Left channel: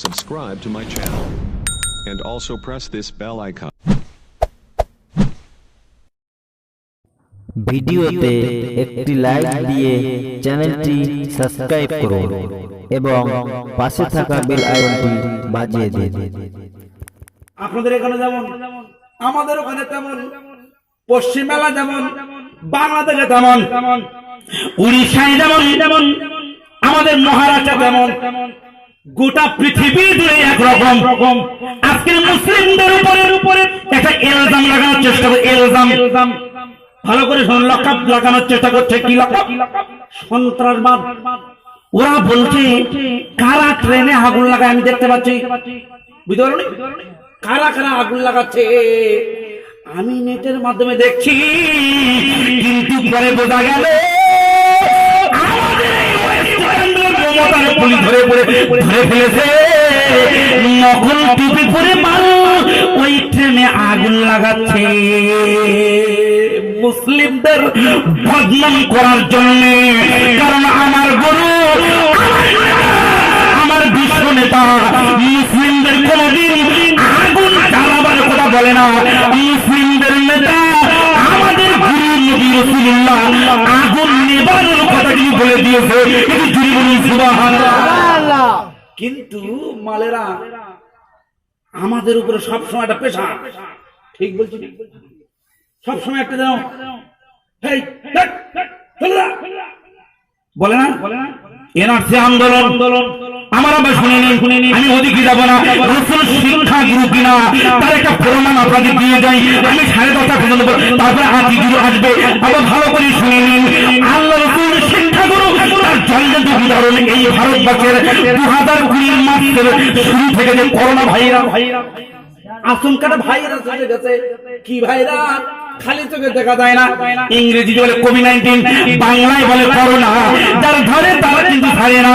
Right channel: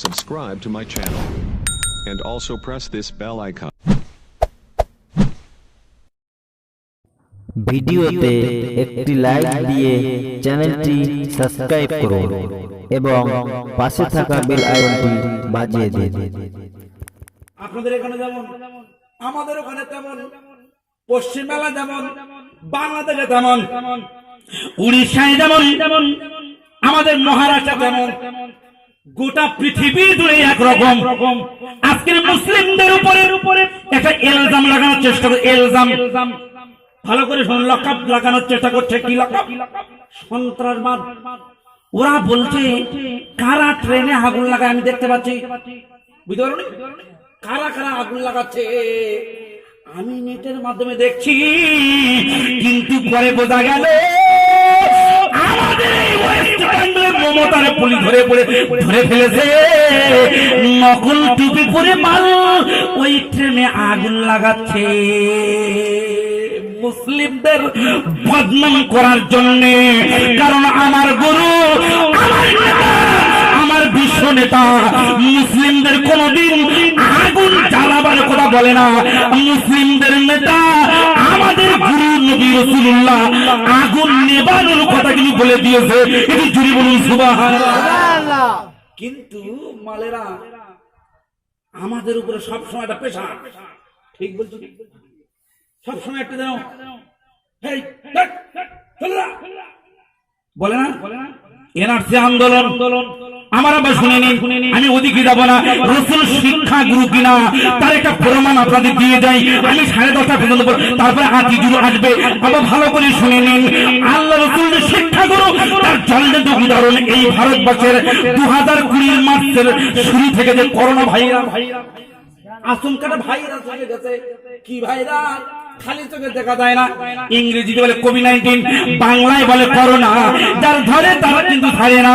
subscribe to my channel. And also press this bell icon. ভিডিওতে একটি like দিয়ে চ্যানেলটি সাবস্ক্রাইব করুন এবং পাশে থাকা বেল আইকনটি বাজিয়ে দিন আপনাদের এখানে যেমন আমাদের ওখানে তেমন পশ্চিম মেলা যেমন বাংলাদেশে তেমন উড়িষ্যায় যেমন আমাদের মহারাষ্ট্র তেমন গোটা পৃথিবী জুড়ে একরকম রকম। আজকের মুসলিমদের উপরে উপরে একটা এলজাম লাগানোর চেষ্টা করে এলজাম। ভালো করে লকাপ লাগানোর চেষ্টা করছে। কি লকাপ সন্ত্রাসবাদ। ওরা বলছে, কারা ট্রেনে আগুন লাগায়? আমি দেখতে পাচ্ছি। বুঝতে কারা কারা আগুন লাগাচ্ছে? আমি নেটের মাধ্যমে দেখছি, কিন্তু পরে বোঝা গেল মমতার পুলি ধরে পড়ে, ধরে ফেলেছে। নকল টুপি পরে মাল, ওই ট্রেনে আগুন লাগাচ্ছে। মুসলিমদের বদনাম করার জন্য, কারণ আমার গরু আমার বিশ্ব নেতা, মুসলিমদের কোনদিন আগুন জ্বালাবার কথা বলে না। মুসলিমদের নেতা আমাদের গুরু নবী রসুল্লাহ আগুন নেবানোর কথা কিন্তু বলে দিয়েছে। এটি জুড়ি বলুন সুবহানাল্লাহ। কিন্তু মালেরা আমাদের উপরে সবসময় একটা পেশা ঠিক বলছি না? সবসময় একটা যেন ধ্যাৎ, চলে বলে না? এনআরসি আন্দোলন আমার আবার শুনে নিন। আমি ওদিকে যাব না। রসুল শিক্ষা গুরু কিনা, তার একটা প্রমাণ আপনাদের দিয়ে যাই। আমি সাড়ে দশটা পর্যন্ত তারপরে আদি গুরু আসবে। আবার ভালো করে শুনে নিন। আল্লাহ রসুল শিক্ষা গুরু, তার জলজন্ত উদাহরণ এই ভারতবর্ষের দু হাজার কুড়ির মাসের শুরু থেকে যে করোনা ভাইরা আচমকাটা ভাইরাস হয়ে গেছে। কি ভাইরাস? খালি চোখে দেখা যায় না। ইংরেজি বলে কোভিড নাইন্টিন বাংলায় বলে করোনা যার ধরে তারা কিন্তু ছাড়ে না।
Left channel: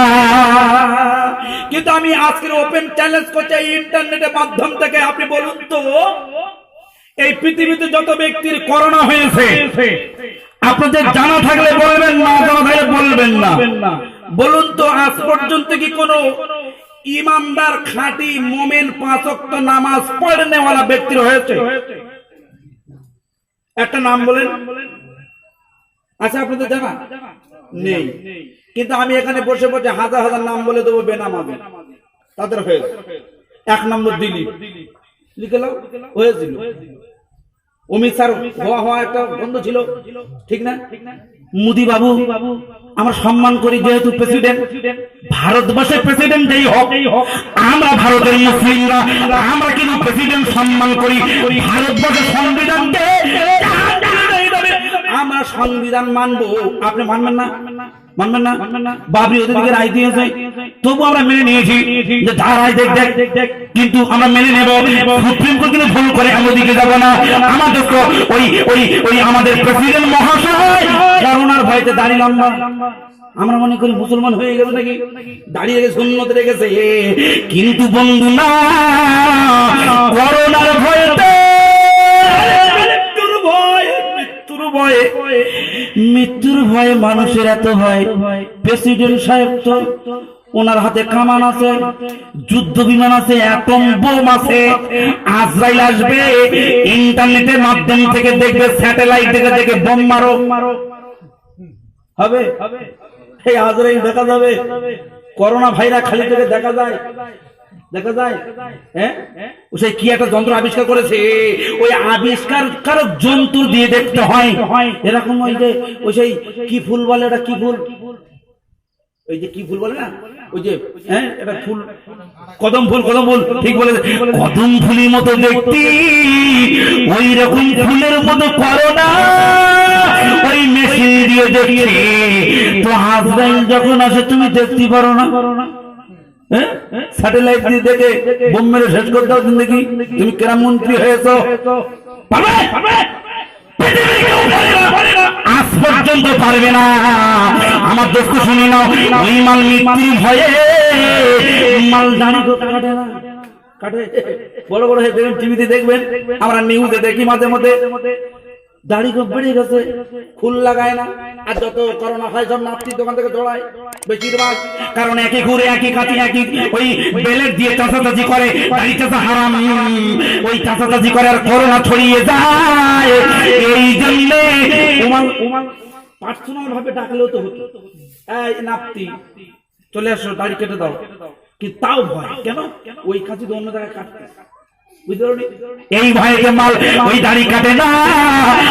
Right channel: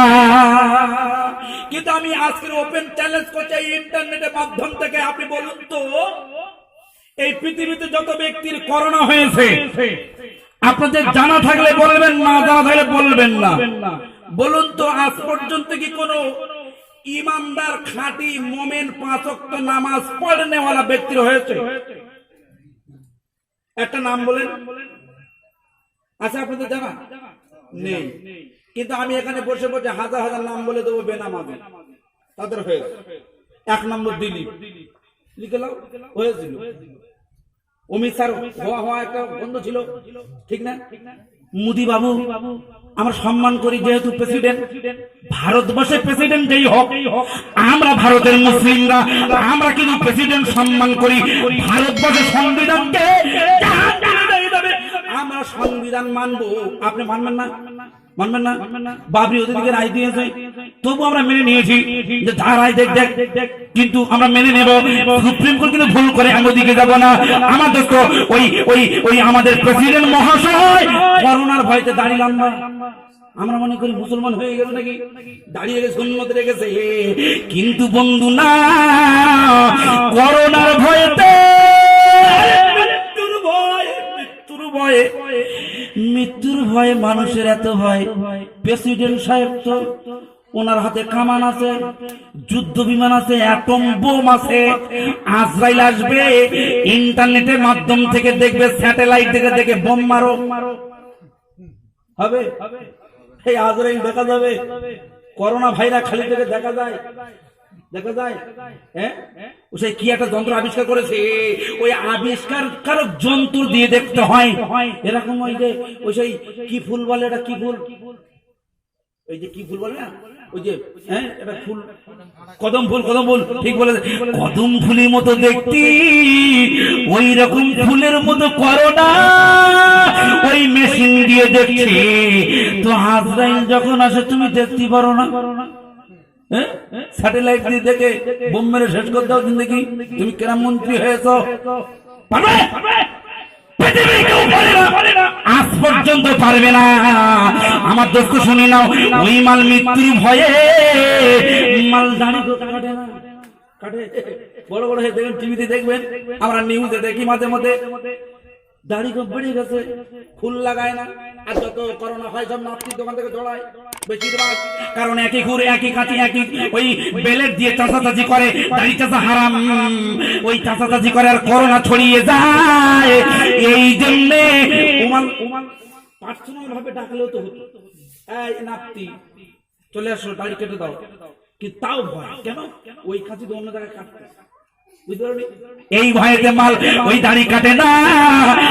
কিন্তু আমি আজকের ওপেন চ্যালেঞ্জ করছি এই ইন্টারনেটের মাধ্যম থেকে। আপনি বলুন তো এই পৃথিবীতে যত ব্যক্তির করোনা হয়েছে আপনাদের জানা থাকলে বলবেন না জানা থাকলে বলবেন না। বলুন তো আজ পর্যন্ত কি কোনো ইমানদার খাঁটি মোমেন পাঁচক্ত নামাজ পড়নেওয়ালা ব্যক্তির হয়েছে একটা নাম বলেন। আচ্ছা আপনাদের জানা? নেই। কিন্তু আমি এখানে বসে বসে হাজার হাজার নাম বলে দেবো বেনামাজি। তাদের হয়ে এক নম্বর দিলীপ। লিখে লাও হয়েছিল অমিত স্যার, হওয়া হওয়া একটা বন্ধ ছিল। ঠিক না? মোদি বাবু আমরা সম্মান করি যেহেতু প্রেসিডেন্ট ভারতবর্ষের প্রেসিডেন্ট যেই হোক, আমরা ভারতের মুসলিমরা, আমরা কিন্তু প্রেসিডেন্ট সম্মান করি। ভারতবর্ষের সংবিধানকে আমরা সংবিধান মানবো। আপনি মানবেন না? মানবেন না? বাবরি ওদেরকে রায় দিয়েছে। তবু আমরা মেনে নিয়েছি যে দেখ দেখ। কিন্তু আমরা মেনে নেব। সুপ্রিম কোর্ট কিন্তু ভুল করে আমি ওদিকে যাব না। ওই ওই ওই আমাদের প্রেসিডেন্ট মহাশয়। করোনার ভয়তে আমরা মনে করি মুসলমান হয়ে গেল নাকি? দাঁড়িয়ে গেছে উন্নত রেখেছে। কিন্তু বন্ধু না, করোনার ভয়তে ভয়ে, মৃত্যুর ভয়ে মানুষের এত ভয়। প্রেসিডেন্ট সাহেব তো ওনার হাতে কামান আছে, যুদ্ধ বিমান আছে, অ্যাটম বোম আছে, আজরাইল আসবে, ইন্টারনেটের মাধ্যম থেকে দেখবে, স্যাটেলাইট থেকে দেখে বোম মারো। হবে? এই আজরাইল দেখা যাবে? করোনা ভাইরাস খালি চোখে দেখা যায়? দেখা যায়? হ্যাঁ? সেই কি একটা যন্ত্র আবিষ্কার করেছে? ওই আবিষ্কার কারক যন্ত্র দিয়ে দেখতে হয়। এরকম ওই যে, ওই সেই কি ফুল বলে এটা কি ফুল? ওই যে কি ফুল বলে না? ওই যে হ্যাঁ এটা ফুল। কদম ফুল কদম ফুল, ঠিক বলে কদম ফুলের মতো দেখতি, ওই রকম ফুলের মতো করো না। ওই মেশিন দিয়ে দেখছি তো হাজবেন্ড যখন আসে, তুমি দেখতে পারো না। স্যাটেলাইট দিয়ে দেখে বোম মেরে শেষ তুমি কেরাম মন্ত্রী হয়েছ। আজ পর্যন্ত পারবে না। আমার দোস্ত শুনে নাও ওই মাল ভয়ে মাল দাঁড়ি কাটে না। কাটে। বড় বড় হয়ে দেখবেন, টিভিতে দেখবেন। আমরা নিউজে দেখি মাঝে মধ্যে। দাড়ি খুব বেড়ে গেছে ফুল লাগায় না। আর যত করোনা হয় সব নাপতির দোকান থেকে দৌড়ায়, বেশিরভাগ। কারণ একই ঘুরে, একই কাছে একই ওই বেলেট দিয়ে চাষাচাষি করে দাড়ি চাষা হারাম। ওই চাষাচাষি করে আর করোনা ছড়িয়ে যায়। এই জন্য উমাল উমাল পার্সোনাল ভাবে ডাকলেও তো হতো। এই নাপতি চলে আসো, দাড়ি কেটে দাও। কি তাও ভয়? কেন? ওই কাছে অন্য জায়গায় কাটতে। এই ভয়েতে মাল ওই দাড়ি কাটে না।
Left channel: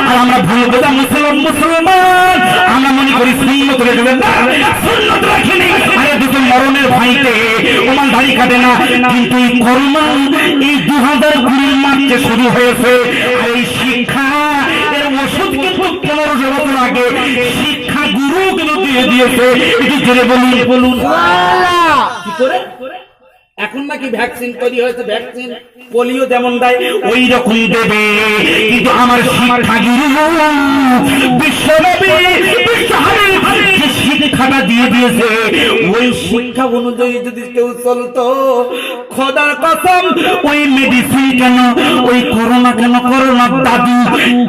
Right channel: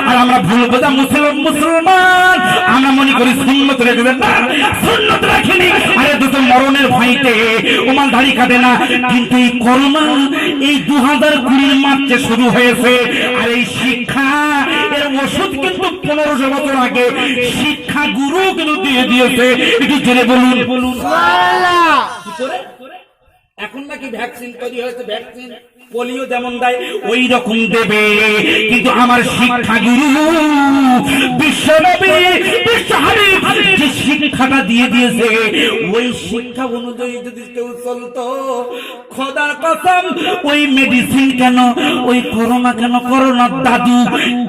আর আমরা ভুল বোঝা মুসলমান মুসলমান। আমরা মনে করি সুন্নত রেখে দেন না। সুন্নত রাখেনি। আরে দুটো মরণের ভয়তে ওমাল দাড়ি কাটে না। কিন্তু এই করোনা এই দু হাজার কুড়ির মার্চে শুরু হয়েছে আর এই শিক্ষা এর ওষুধ কিন্তু পনেরোশো বছর আগে শিক্ষা গুরু কিন্তু দিয়ে দিয়েছে। একটু জোরে বলুন। বলুন কি করে? এখন নাকি ভ্যাকসিন তৈরি হয়েছে ভ্যাকসিন পোলিও যেমন দেয় ওই রকম দেবে। কিন্তু আমার শিক্ষা গুরু বিশ্বনবী যে শিক্ষাটা দিয়ে দিয়েছে ওই শিক্ষা অনুযায়ী যদি কেউ চলতো খোদার কসম ওই মেডিসিন কেন ওই করোনা কেন করোনা দাদু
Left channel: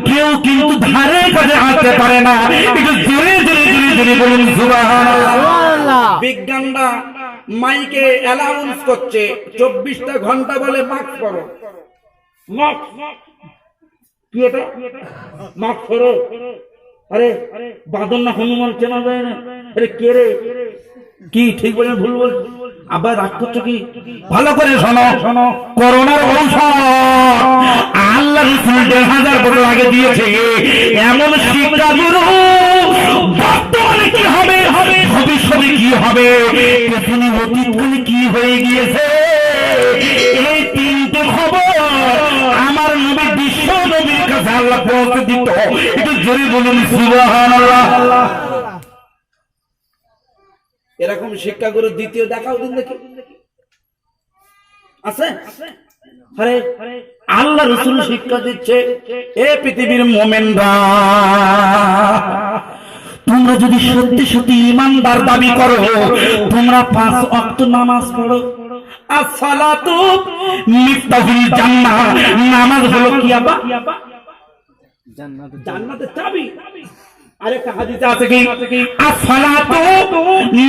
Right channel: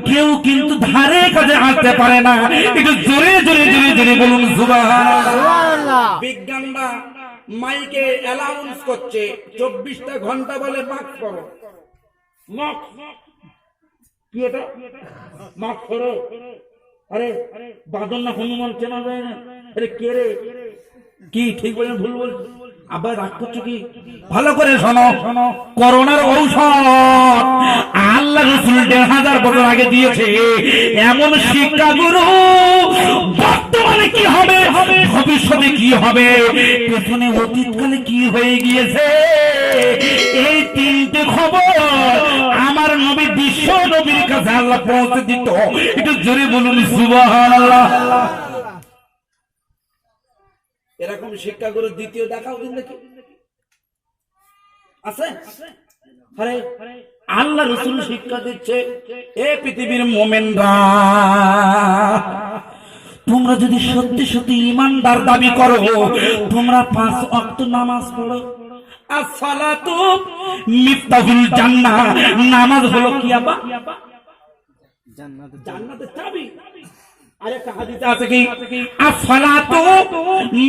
কেউ কিন্তু ধারে কাছে আসতে পারে না। একটু জোরে জোরে জোরে জোরে বলুন বিজ্ঞানরা মাইকে অ্যালাউন্স করছে। চব্বিশটা ঘণ্টা বলে মাস্ক মাস্ক কি এটা? মাস্ক আরে বাদন না হনুমান চেনা যায় না। আরে, কে রে? কি ঠিক বলেন ভুল বল আবার রাগ করছ কি? ভালো করে শোনো। শোনো করোনার ঔষধ। আল্লাহ রসুল দেড় হাজার বছর আগে দিয়েছে। এমন শিক্ষা গুরু বর্তমানে কি হবে? ভবিষ্যতে কি হবে? পেছনে অতীতকালে কি হয়ে গিয়েছে? এই তিনটে খবর আমার নবী বিশ্ব নবীর কাছে আল্লাহ পৌঁছে দিত। জোরে বলুন, সুবহানাল্লাহ। এরকম শিক্ষাগুরু দ্বিতীয় দেখাও দিন দেখি। আছে? আরে আল্লাহ রসুল শিক্ষা দিচ্ছে, এ পৃথিবীর মোমেনরা। তোমরা যদি সত্যি সত্যি ইমানদার দাবি করো তোমরা পাঁচ অক্ত নামাজ পড়ো। আসসালাতু মিফতাহুল জান্নাহ। নামাজ হলো কি আবা? জান্নাতের চাবি। আরেকটা হাদিসে আছে কি? আসসালাতু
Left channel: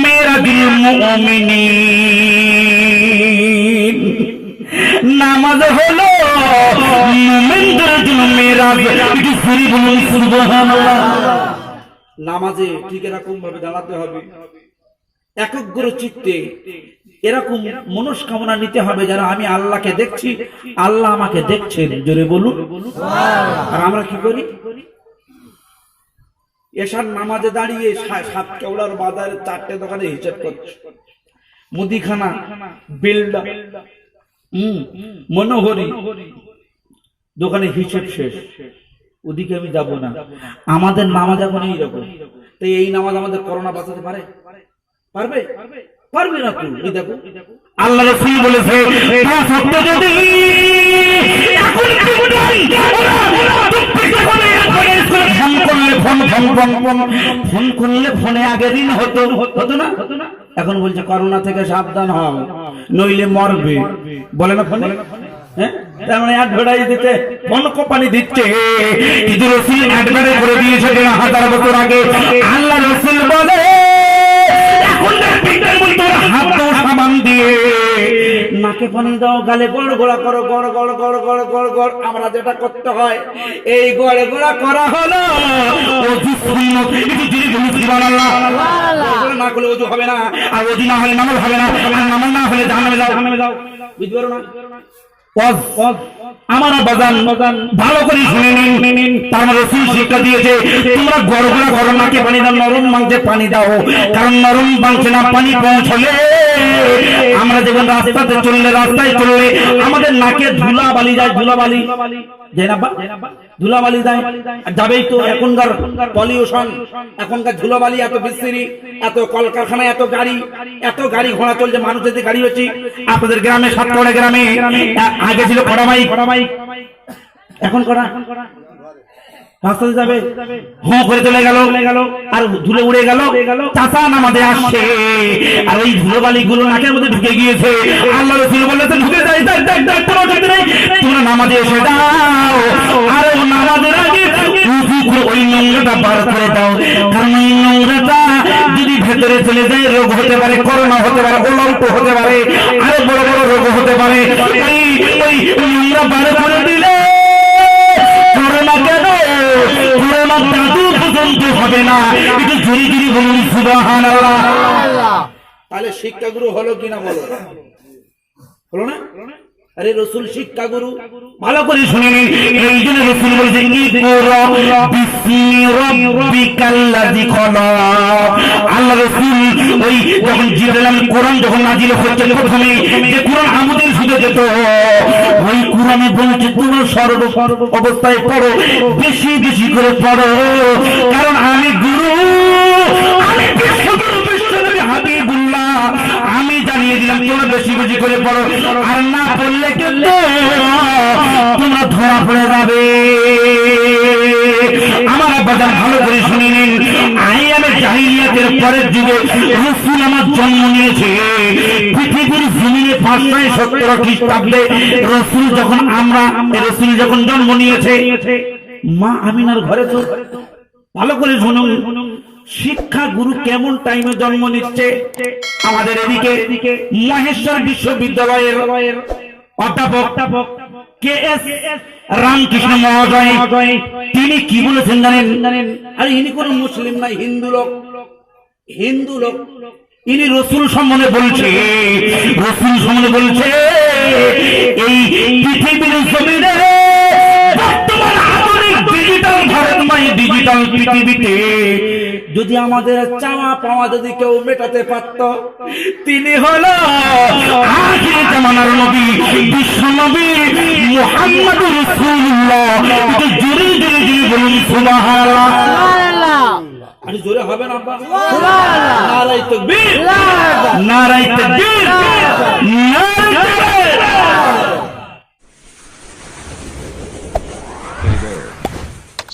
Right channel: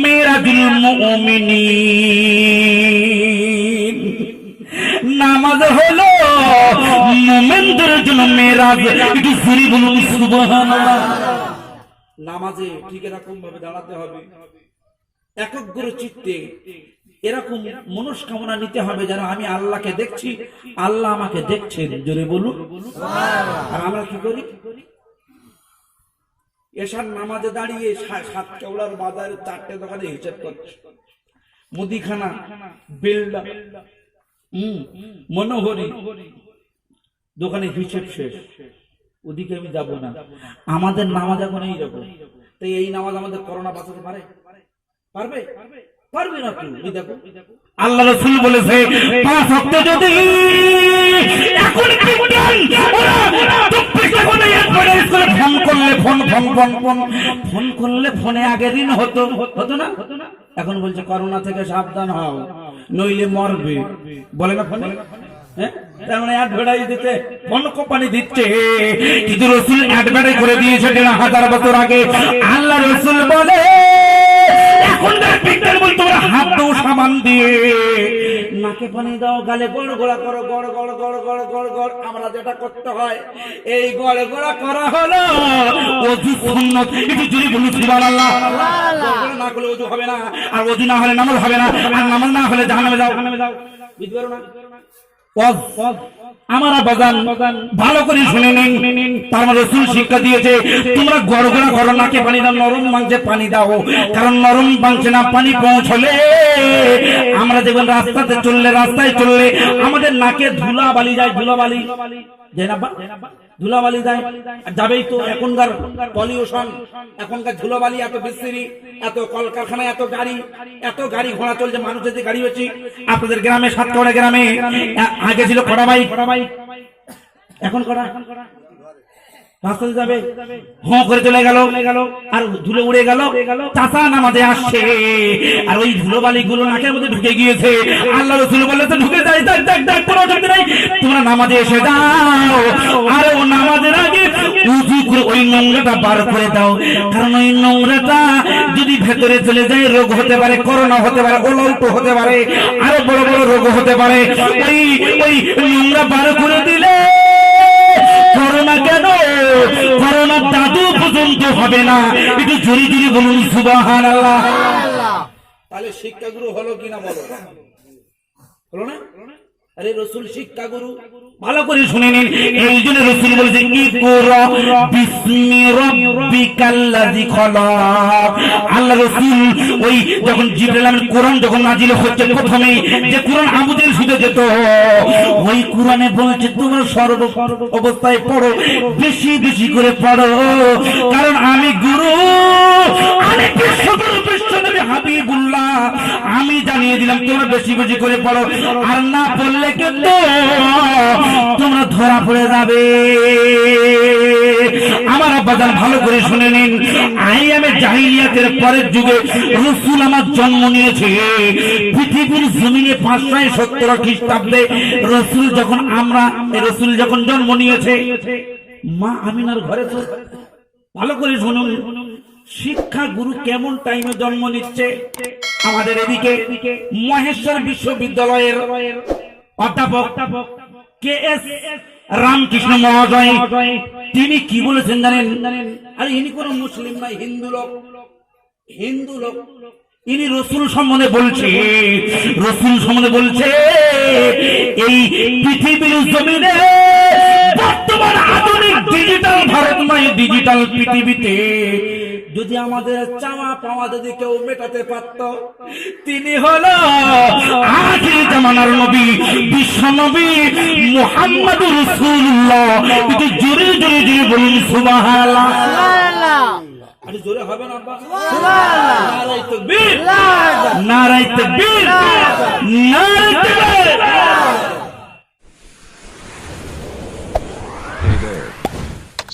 মিরাজুল মুমিনিন। নামাজ হলো মুমিনদের জন্য মেরাজ। একটু ফিরি বলুন সুবহানাল্লাহ। নামাজে ঠিক এরকম ভাবে দাঁড়াতে হবে। একগ্র চিত্তে এরকম মনস্কামনা নিতে হবে যেন আমি আল্লাহকে দেখছি আল্লাহ আমাকে দেখছেন। জোরে বলুন। আর আমরা কি করি? এসার নামাজে দাঁড়িয়ে সাত কেওড়ার বাজারে চারটে দোকানে হিসেব করছে। মুদিখানা বিল্ডা হম মনোহরি। দোকানে হিসেব শেষ। ওদিকে আমি যাব না। আমাদের নামাজ এখন এইরকম। তাই এই নামাজ আমাদের করোনা বাঁচাতে পারে? পারবে? পারবে। না তুই এই দেখো। আল্লাহ রসুল বলেছে পাঁচ যদি এখন করলে ফোন করলে ফোনে আগের দিন হতো। হতো না? এখন বলছে করোনা থেকে সাবধান হও নইলে মরবে। বলে না ফোনে? হ্যাঁ? নাকে দাও, গালে গড় গোড়া করো, গড় গড় গড় গড় গড় গড়। আমরা যেটা করতে হয়, এই গড়ে গোড়া করা হলো। না করলে অজু হবে না, আর অজু না হলে নামাজ হবে না, আর নামাজ না হলে জাহান্নামে যাও। বুঝতে পারো না। আমার বাজান ভালো করে শুনে নিন। তার রসুল শিক্ষা দিয়েছে, তোমরা গড়গড়া করো নাকে পানি দাও নরম মাংসে পানি দাও? কারণ নরম মাংসে না পানি পৌঁছলে আমরা যেমন রাস্তাতে চললে, রাস্তায় চললে আমাদের নাকে ধুলা বালি যায় ধুলা বালি জেনাবা না বা? ধুলাবালি দেয় যাবেই তো এখনকার পলিউশন এখনকার ধুলাবালি এত বিস্তৃতি এত কলকারখানা এত গাড়ি এত গাড়ি ঘোড়া চলছে মানুষের যে গাড়ি হচ্ছে আপনাদের গ্রামে সাতকড়া গ্রামে আগে ছিল কড়ামাই এখন করা? রাস্তাতে যাবে হঁ করে চলে গেল আর ধুলে উড়ে গেল চাচা নামাজে আসছে। আর ওই ধুলো বালি গুলো নাকের মধ্যে ঢুকে গিয়েছে। আল্লাহ রসুল বলেছেন ঢুকে যাই দেখ দেখ দেখ কোনো অসুবিধা নেই। তোমরা নামাজে এসে দাও আর ও নামাজের আগে উজু করে ওই নোংরাটা বার করে দাও। কারণ ওই নোংরাটা যদি ভেতরে চলে যায় রোগ হতে পারে করোনা হতে পারে হতে পারে আরও বড় বড় রোগ হতে পারে। ওই ওই নোংরা বার করে দিলে কেন? করোনা দাদু না। একটু জোরে জোরে বলুন সুবাহান তাহলে শিক্ষাগুরু হলো কিনা বলো? হলো না? আরে রসুল শিক্ষাগুরু ভালো করে শুনে নিন। রসুল আল্লাহ রসুল ওই যখন কোরআন যখন নাজিল হচ্ছে প্রথমে, যে কোরআন আমাদের শুধু যেত, ওই কোরআনে বলছে, তোমরা সর্ব অবস্থায় পড়ো, বেশি বেশি করে পড়ো। কারণ আমি গুরু পড়ো আর না পড়লে কিন্তু তোমরা ধরা পড়ে যাবে। আমার আব্বাজান ভালো করে শুনে নিন আইয়ামে জাহিলিয়াতের পরের যুগে রসুল আমার জন্ম নিয়েছে। পৃথিবীর জমিনে পাঁচশো সত্তর খ্রিস্টাব্দে রসুল যখন আমরা, রসুল যখন জন্ম নিয়েছে, মা আমিনার ঘরে তো, ভালো করে শুনুন। শিক্ষা গুরু কেমন টাইমে জন্ম নিচ্ছে? আমাদের এদিকে মহেশ্বর বিশ্ববিদ্যালয়ের অধ্যাপক কে এস রামকৃষ্ণ মহোদয় তিনি কি বলেছেন জানেন? আরে ইনি কোন মুসলিম নাই হিন্দু লোক। হিন্দু লোক। ইনি রসুল সম্বন্ধে বলছে, রসুল সম্বন্ধে বলছে, এই পৃথিবীর জমিনে ডিজিটাল পৃথিবীতে যদি আমাদের চাওয়া পাওয়া যদি কেউ মেটাতে পারত তিনি হলো আখির জামানার নবী বিশ্ব নবী মুহাম্মদ রাসূলুল্লাহ। একটু জোরে জোরে জোরে বলুন সুবহানাল্লাহ। আরে জোরে হবে না আব্বা। তাকবীর। তাকবীর। তাকবীর।